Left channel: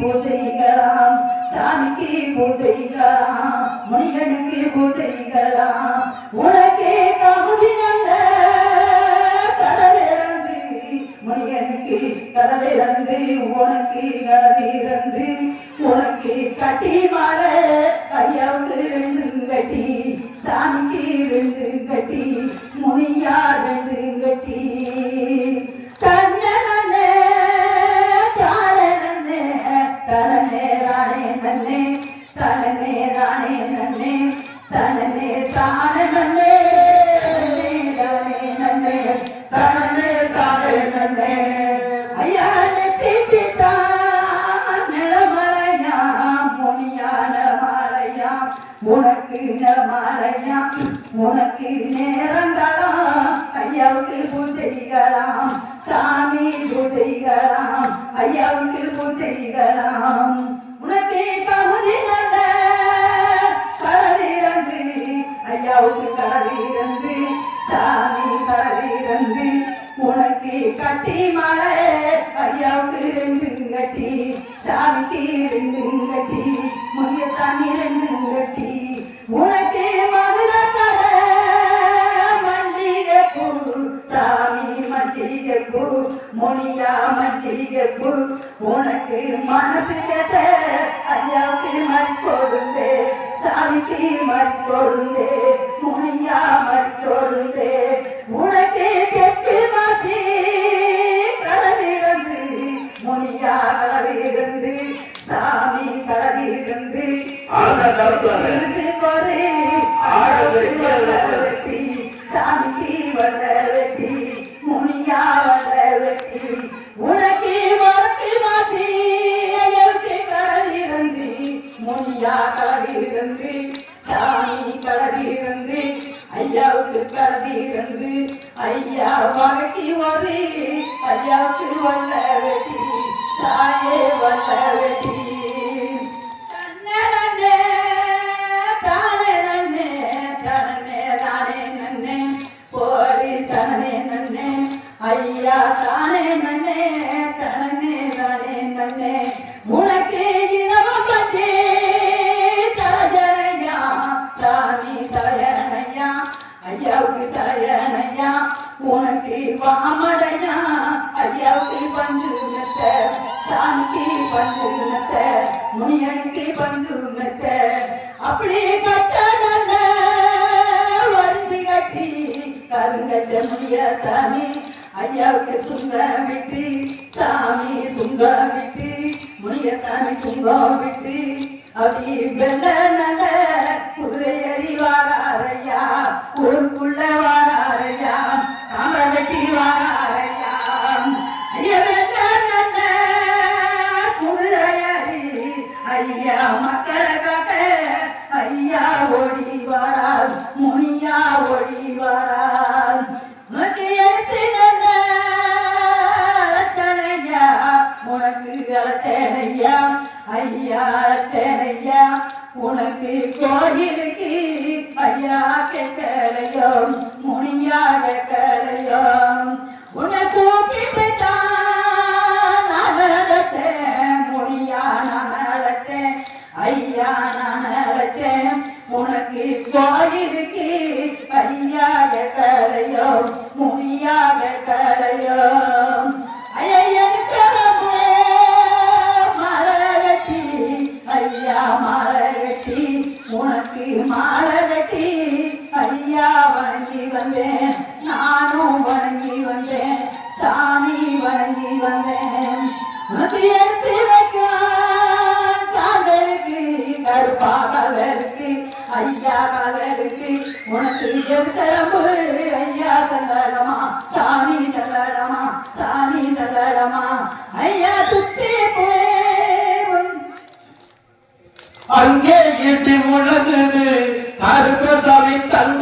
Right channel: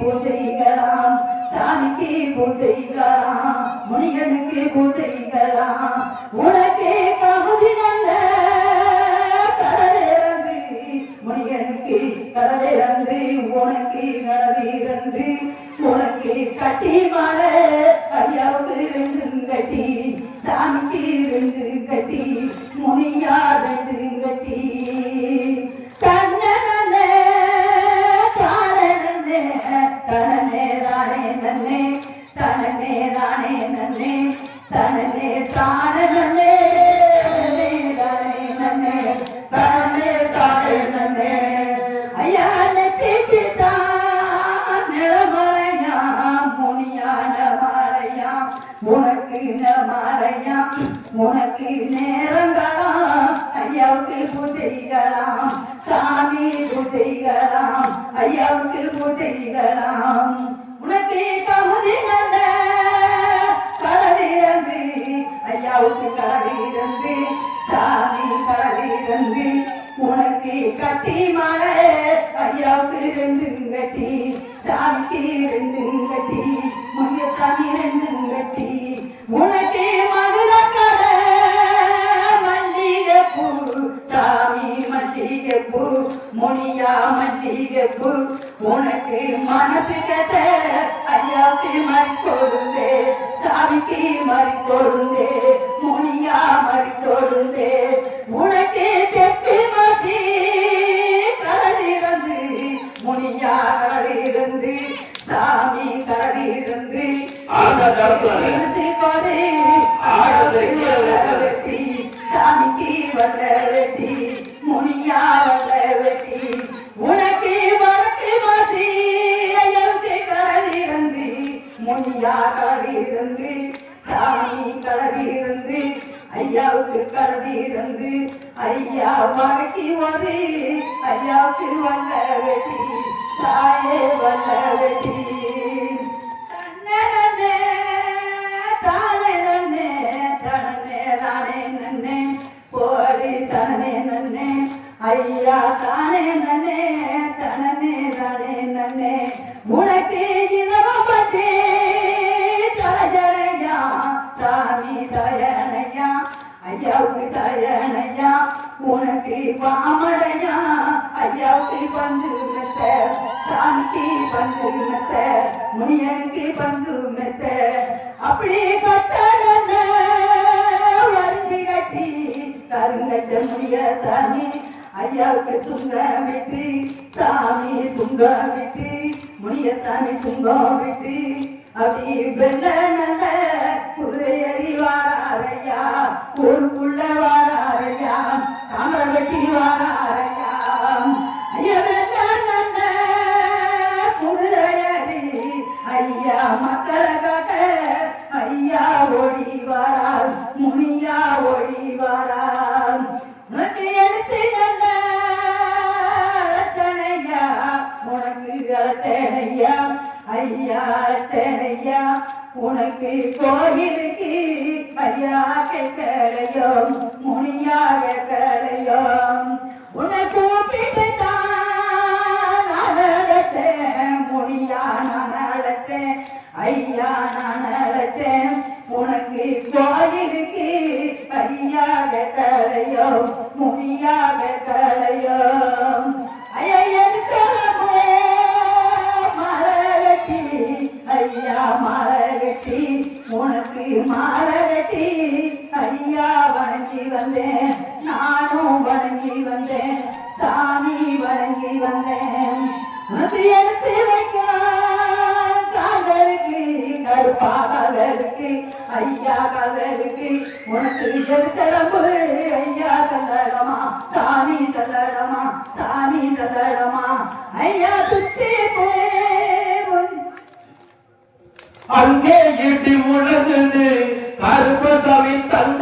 பூஜைகளாம் சாமிக்கு பூஜைகளாம் முனிகனுக்கு பூஜைகளாம் உனக்கே கமுதி நல்ல கடலிறந்து முனிகனுக்கு கடலிறந்து உனக்கு கடலிறந்து உனக்கு கட்டி மாலை நன்னே தனனே தானே நன்னே தனனே தானே நன்னே தானே நன்னே தனனே தானே நன்னே. ஐயா நெத்திக்கு தான் முனியான மலையா உனக்கு மலையாம் உனக்கு நேரங்களாம் ஐயாவுக்கு பூஜைகளாம் சாமி பூஜைகளாம் ஐயாவுக்கு பூஜைகளாம். ஐயாவுக்கு கடலிறந்து சாமி கடலிறந்து உனக்கு கட்டி மாலை ஐயாவுக்கு ரெண்டு கட்டி சாமிக்கு ரெண்டு கட்டி முனியசாமி ரெண்டு கட்டி. உனக்கு மதுர கடை மல்லிகை சாமி மல்லிகை மொழியா முனியா உனக்கு மனசு கதை ஐயாவுக்கு மறி சாமிக்கு மறி வெற்றி வெட்டி சாமிக்கு வந்த வெட்டி முனியா வந்த வெட்டி உனக்கு வழக்கு மாசி ஐயருக்கு கடலிருந்து முனியா கடலிருந்து சாமி கடலிருந்து ஐயாவுக்கு கடலிருந்து ஐயா வழக்கி ஒரு ஐயாவுக்கு வந்த வெட்டி தாயே வந்த வெட்டி தனனே தானே நன்னே போடி தானே நன்னே ஐயா தானே நன்னே தனனே தானே நன்னே. உனக்கு இளவம் பத்தே தலஜனையா சாமி தயனையா ஐயாவுக்கு தயனையா உனக்கு பாமரையா ஐயாவுக்கு பந்து சாமிக்கு பந்து முனியன் கருங்கச்ச சாமி ஐயாவுக்கு சுங்க விட்டு சாமி சுங்க விட்டு முனிய சாமி சுங்கம் விட்டு அப்படி வெள்ள நல்ல குதிரையறி வாராரையா ஊருக்குள்ள வாராரையா காமரை வெட்டி வாராரையா. ஐயா வெள்ள நல்ல குதிரையறி ஐயா மக்களை காக்க ஐயா ஓடி வாரா முனியா ஓடி வாரா ஐயா உனக்கு கோயிலுக்கு ஐயா கேட்கலையோ முனியா கேட்கலையோ உன்னை தூக்கிட்டு தான் நான் அழைத்தேன் நான் அழைத்தேன் ஐயா நான் அழைத்தேன் உனக்கு கோயிலுக்கு ஐயாக கலையோ முனியாக கலையோ ஐயா மலரட்டி உனக்கு மலரட்டி ஐயா வணங்கி வந்தேன். நானும் வணங்கி வந்தேன். சாமி வணங்கி வந்தேன். உனக்கு எடுத்து வைக்க காதலுக்கு கருப்பா கதலுக்கு ஐயா கதலுக்கு உனக்கு எடுத்தரம்பு அங்கே ஈட்டி முழங்குது கருப்பசாமி தங்கத்தால